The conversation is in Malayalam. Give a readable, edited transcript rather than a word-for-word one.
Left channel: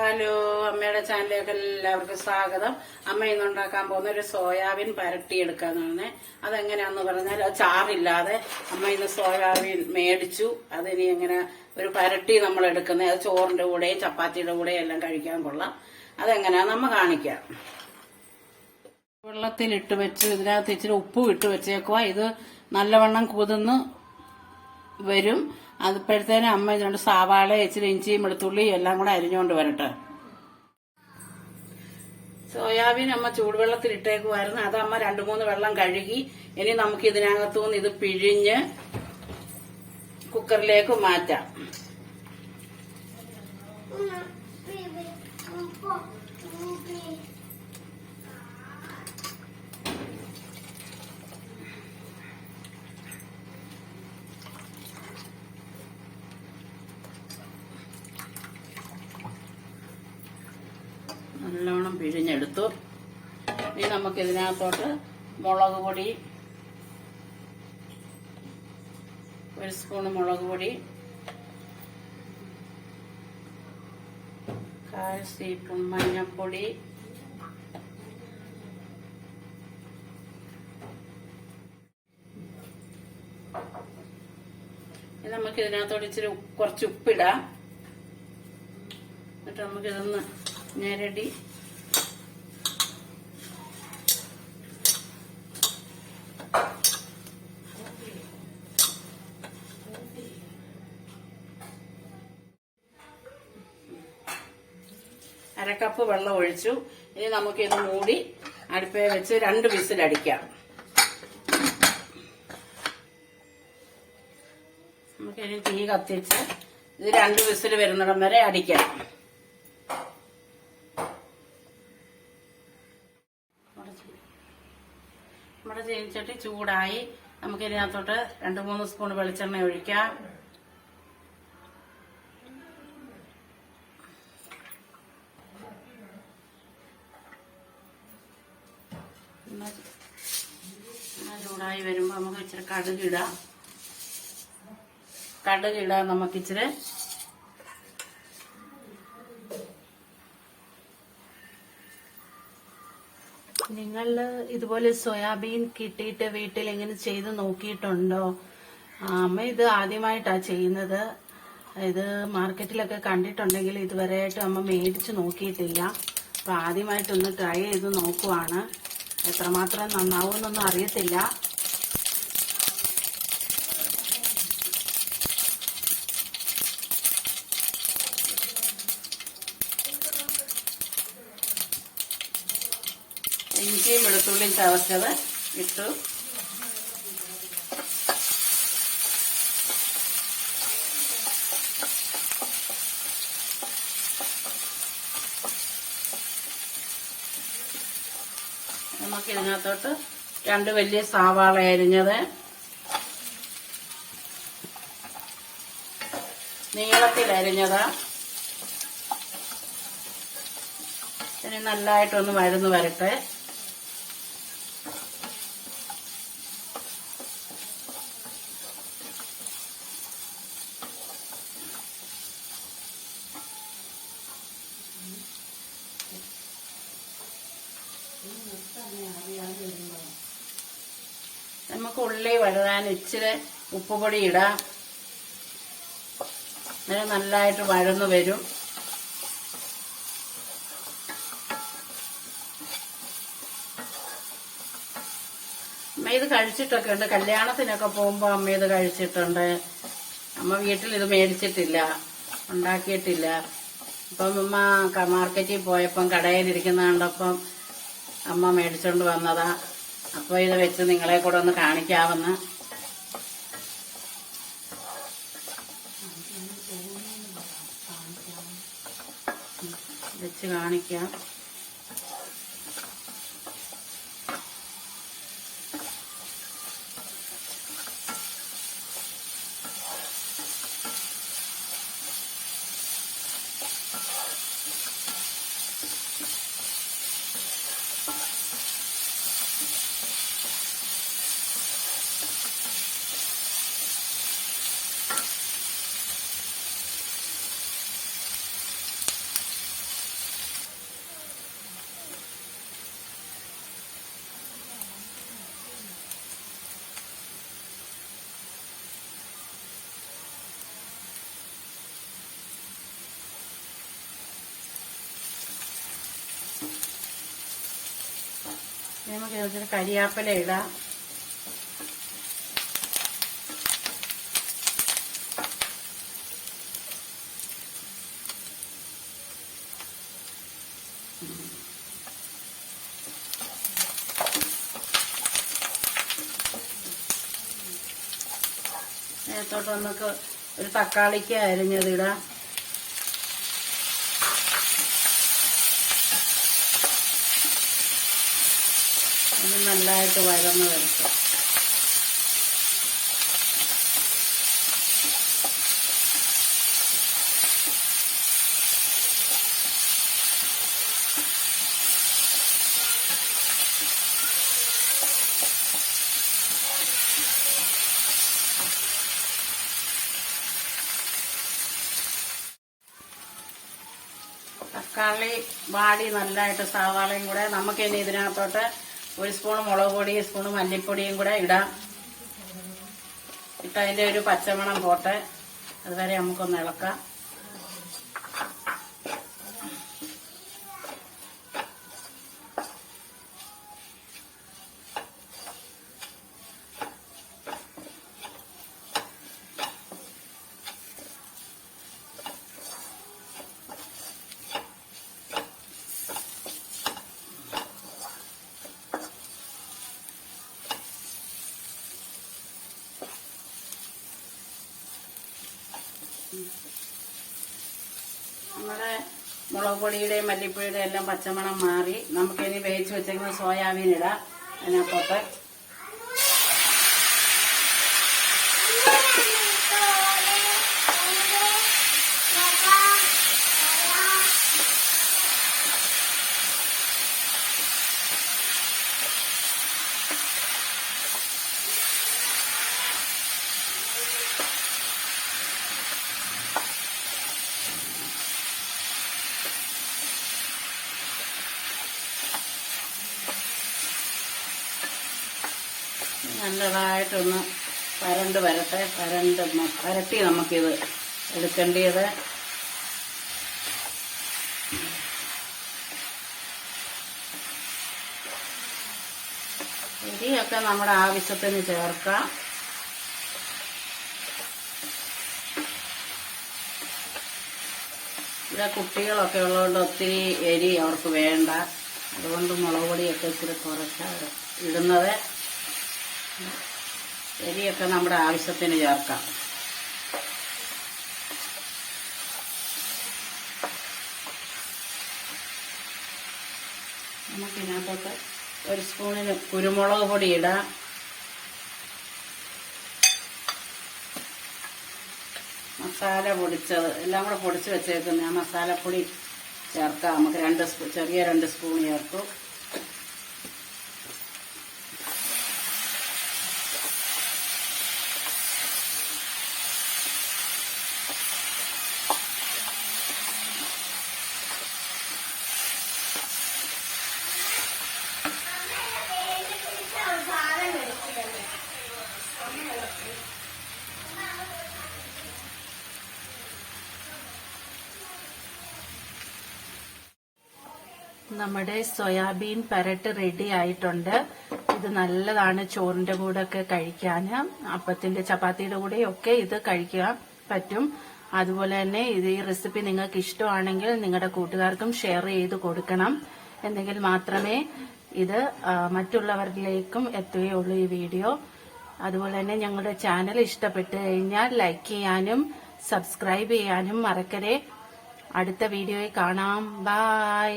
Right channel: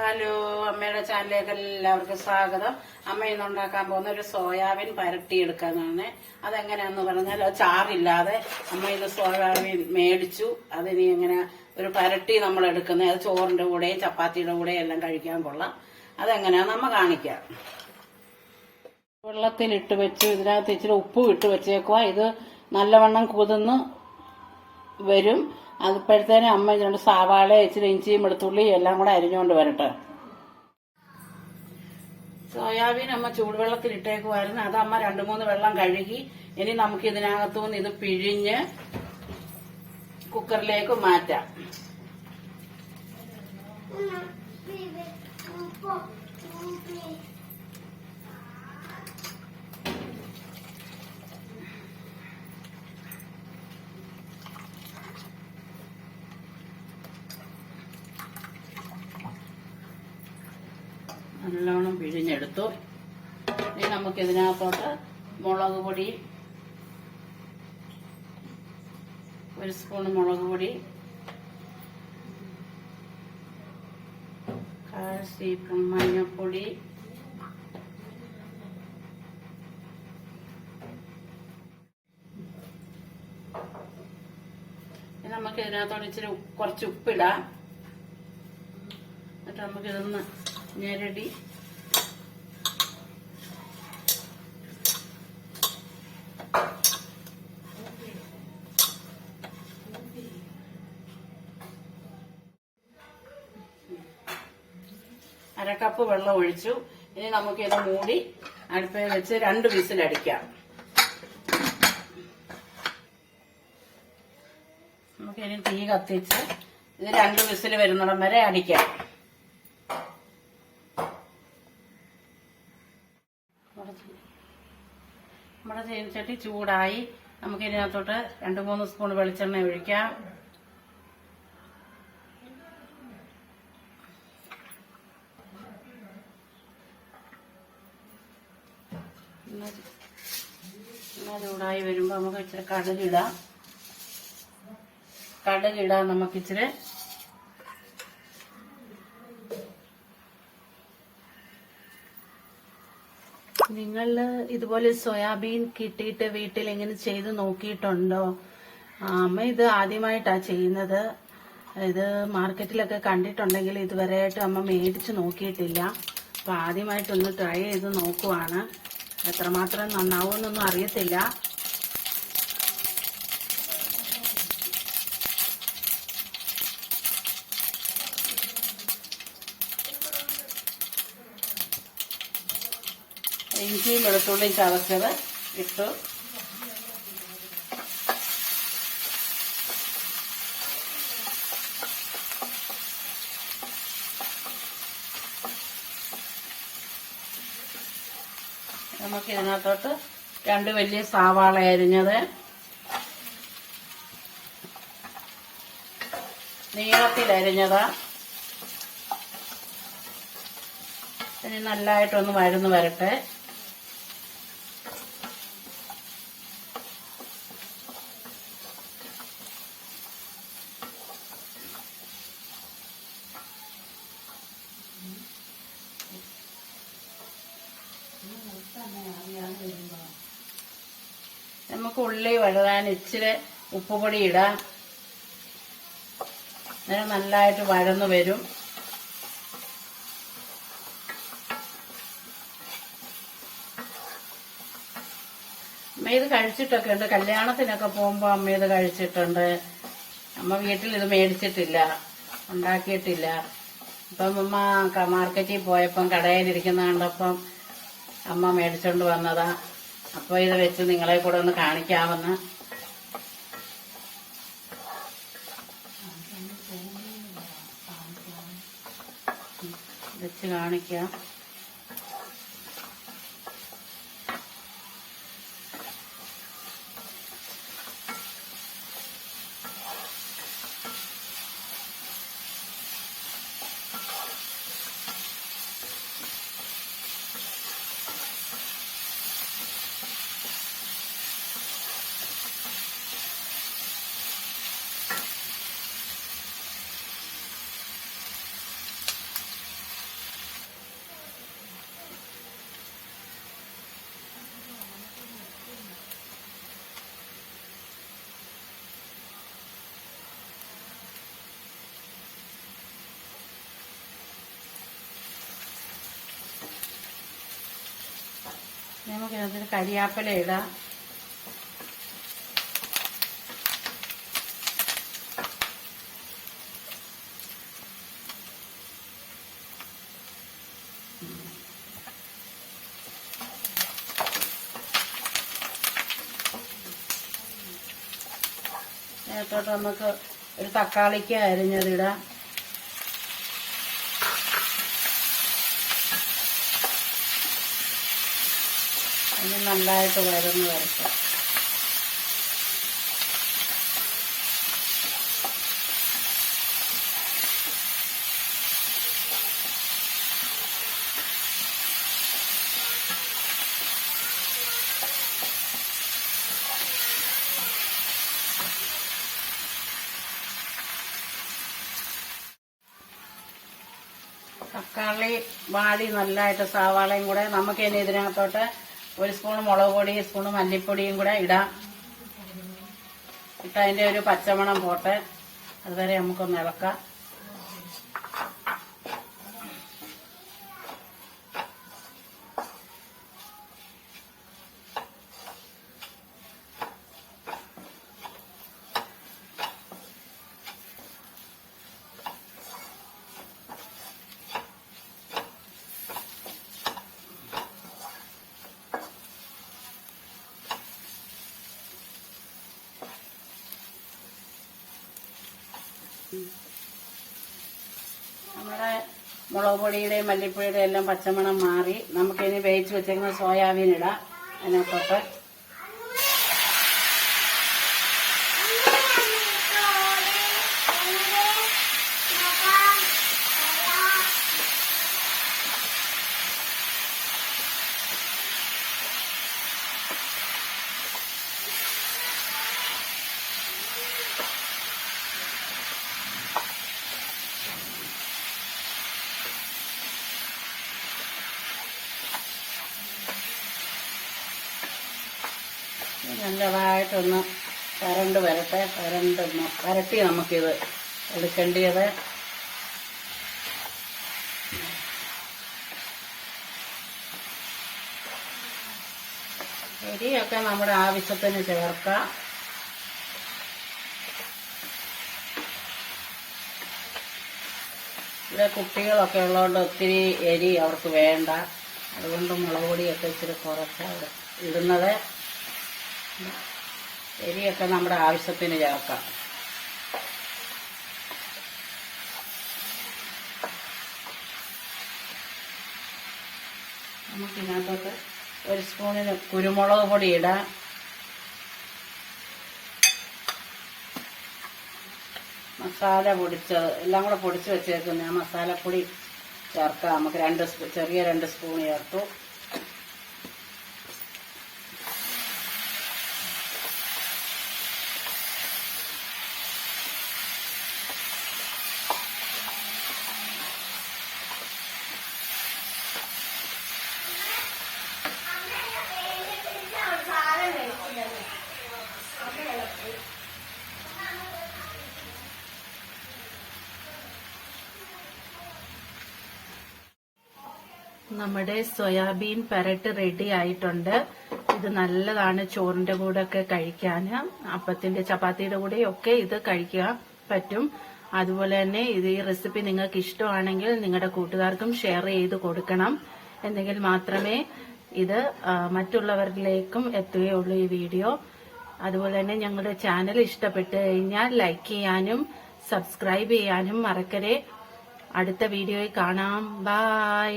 ഹലോ, അമ്മയുടെ ചാനലിലേക്ക് എല്ലാവർക്കും സ്വാഗതം. അമ്മ ഇന്ന് ഉണ്ടാക്കാൻ പോകുന്ന ഒരു സോയാബീൻ പരട്ടി എടുക്കാന്നാണ്. അതെങ്ങനെയാന്ന് പറഞ്ഞാൽ അത് ചാറില്ലാതെ അമ്മ ഇന്ന് സോയാബീൻ മേടിച്ചു. അതിന് എങ്ങനെ ഒരു പരട്ടി നമ്മൾ എടുക്കുന്നത്, അത് ചോറിന്റെ കൂടെയും ചപ്പാത്തിയുടെ കൂടെയും എല്ലാം കഴിക്കാൻ കൊള്ളാം. അതെങ്ങനെയാ നമ്മ കാണിക്കാം. വെള്ളത്തിലിട്ട് വെച്ച് ഇതിനകത്ത് ഇച്ചിരി ഉപ്പും ഇട്ട് വെച്ചേക്കുക. ഇത് നല്ലവണ്ണം കുതിർന്ന് വരും. അതിപ്പോഴത്തേനും അമ്മ ഇതിനോട് സവാള, ഇച്ചിരി ഇഞ്ചിയും വെളുത്തുള്ളിയും എല്ലാം കൂടെ അരിഞ്ഞുകൊണ്ട് വരട്ടെ. സോയാബീൻ അമ്മ ചൂടുവെള്ളത്തിൽ ഇട്ടേക്കുമായിരുന്നു. അത് അമ്മ 2-3 വെള്ളം കഴുകി. ഇനി നമുക്ക് ഇതിനകത്തുനിന്ന് ഇത് പിഴിഞ്ഞ് കുക്കറിലേക്ക് മാറ്റാം. നല്ലോണം പിഴിഞ്ഞെടുത്തു. ഇനി നമുക്ക് ഇതിനകത്തോട്ട് മുളക് പൊടി, 1 സ്പൂൺ മുളക് പൊടി, 1/4 ടീസ്പൂൺ മഞ്ഞൾപ്പൊടി, നമുക്ക് ഇതിനകത്തോട്ട് ഇച്ചിരി കുറച്ച് ഉപ്പിടാം. എന്നിട്ട് നമുക്കിതൊന്ന് ഞെരടി അരക്കപ്പ് വെള്ളം ഒഴിച്ചു. ഇനി നമുക്കിത് മൂടി അടുപ്പേ വെച്ച് 2 വിസിലടിക്കാം. നമുക്കിനി തീ കത്തിച്ച് ഇത് 2 വിസിൽ വരുന്നിടം വരെ അടിക്കാം. നമ്മുടെ ചീനിച്ചട്ടി ചൂടായി. നമുക്ക് ഇതിനകത്തോട്ട് 2-3 സ്പൂൺ വെളിച്ചെണ്ണ ഒഴിക്കാം. ചൂടായി വരുമ്പോ നമുക്ക് ഇച്ചിരി കടുകിടാം. നമുക്കിച്ചിരി നിങ്ങൾ ഇതുപോലെ സോയാബീൻ കിട്ടിയിട്ട് വീട്ടിൽ എങ്ങനെ ചെയ്ത് നോക്കിയിട്ടുണ്ടോ? അമ്മ ഇത് ആദ്യമായിട്ടാ ചെയ്യുന്നത്. ഇത് മാർക്കറ്റിലൊക്കെ കണ്ടിട്ടുണ്ടെങ്കിൽ ഇതുവരെയായിട്ട് അമ്മ മേടിച്ച് നോക്കിയിട്ടില്ല. അപ്പൊ ആദ്യമായിട്ടൊന്ന് ട്രൈ ചെയ്ത് നോക്കുവാണ്. എത്രമാത്രം നന്നാവുമെന്നൊന്നും അറിയത്തില്ല. ഇഞ്ചിയും വെളുത്തുള്ളിയും ചതച്ചത് ഇട്ടു. നമുക്ക് ഇതിനകത്തോട്ട് 2 വലിയ സവാള അരിഞ്ഞത്, നീളത്തിൽ അരിഞ്ഞത്, ഇനി നല്ലതായിട്ടൊന്ന് വഴന്ന് വരട്ടെ. നമുക്ക് ഉള്ളി വഴകാൻ ഇച്ചിരി ഉപ്പുപൊടി ഇടാം. അങ്ങനെ നല്ലതായിട്ട് വഴന്നു വരും. അമ്മ ഇത് കഴിച്ചിട്ടൊക്കെ ഉണ്ട്. കല്യാണത്തിനൊക്കെ പോകുമ്പോ അമ്മ ഇത് കഴിച്ചിട്ടുണ്ട്. അമ്മ വീട്ടിൽ ഇത് മേടിച്ചിട്ടില്ല, ഉണ്ടാക്കിയിട്ടില്ല. ഇപ്പം അമ്മ മാർക്കറ്റിൽ പോയപ്പം കടയിലിരിക്കുന്ന കണ്ടപ്പം അമ്മ മേടിച്ചോണ്ട് വന്നതാ. അപ്പൊ ഇത് വെച്ച് നിങ്ങളെ കൂടെ ഒന്ന് കാണിക്കാമെന്ന്. വെച്ച് കാണിക്കാം. നമുക്ക് ഇതിന് കരിയാപ്പില ഇടാം. എന്നിട്ട് നമുക്ക് ഒരു തക്കാളിക്ക് അരിഞ്ഞതിടാം. ഇത് നല്ലതായിട്ട് വരഞ്ഞ് വരക്കാം. തക്കാളി വാടി നല്ലതായിട്ട് സവാളയും കൂടെ നമുക്ക് ഇനി ഇതിനകത്തോട്ട് 1 സ്പൂൺ മുളക് പൊടി, 1 സ്പൂൺ മല്ലിപ്പൊടിയും കൂടെ ഇടാം. ഇട്ട് അതിന്റെ ഒരു പച്ചമണം പോട്ടെ, അതുവരെ നമുക്കൊന്ന് ഇളക്കാം. നമ്മുടെ മുളക് പൊടിയുടെയും മല്ലിപ്പൊടിയുടെയും എല്ലാം പച്ചമണം മാറി നമുക്കിനി വേവിച്ച് വെച്ചിരിക്കുന്ന സോയാബീൻ ഇടാം. അതിനകത്തോട്ട് നല്ലതായിട്ടൊന്ന് വരട്ടെ. വരട്ടി നമുക്കിത് എടുക്കേണ്ടത്. എരിയൊക്കെ നമ്മുടെ ആവശ്യത്തിന് ചേർക്കാം. ഇവിടെ കുട്ടികളൊക്കെ ഉള്ളതുകൊണ്ട് ഒത്തിരി എരി അവർക്ക് വേണ്ട. അതുകൊണ്ട് മുളക് പൊടിയൊക്കെ ഇച്ചിരി കുറച്ചാണ് ഇടുന്നത്. എരിയൊക്കെ നമ്മുടെ ആവശ്യത്തിന് ചേർക്കാം. നമുക്കിതിനകത്തോട്ട് 1 സ്പൂണിന് കുരുമുളക് പൊടി ഇടാം. മസാല പൊടിച്ചത് എല്ലാം കൂടെ പൊടിച്ച് വെച്ചേക്കുന്ന മസാലപ്പൊടി ചേർക്കാം. നമുക്ക് ചെറിയ 2 സ്പൂൺ ചേർത്തു. നമ്മുടെ സോയാബീൻ പെരട്ട് റെഡി ആയിട്ടുണ്ട്. ഇത് നല്ലതാണ് ചോറിന്റെ കൂടെ ഒക്കെ കഴിക്കാൻ, അപ്പത്തിന്റെ ചപ്പാത്തിയുടെ കൂടെയൊക്കെ ഇത് കഴിക്കാൻ പറ്റും. അതുപോലെ തന്നെ ഈ റെസിപ്പി നിങ്ങൾക്ക് ഇഷ്ടമാണെങ്കിൽ നിങ്ങളുടെ കൂട്ടുകാർക്കും ഷെയർ ചെയ്ത് കൊടുക്കണം. എന്നെങ്കിൽ മാത്രമേ ഇത് മറ്റുള്ളവരിലേക്കും എത്തുകയുള്ളൂ ഈ വീഡിയോ. അതുപോലെ തന്നെ ഞങ്ങളുടെ ചാനൽ ഇഷ്ടപ്പെട്ട് കഴിഞ്ഞാൽ ലൈക്ക് ചെയ്യാനും സബ്സ്ക്രൈബ് ചെയ്യാനും മറക്കരുത്. അടുത്ത വീഡിയോയിൽ കാണാം. ബൈ.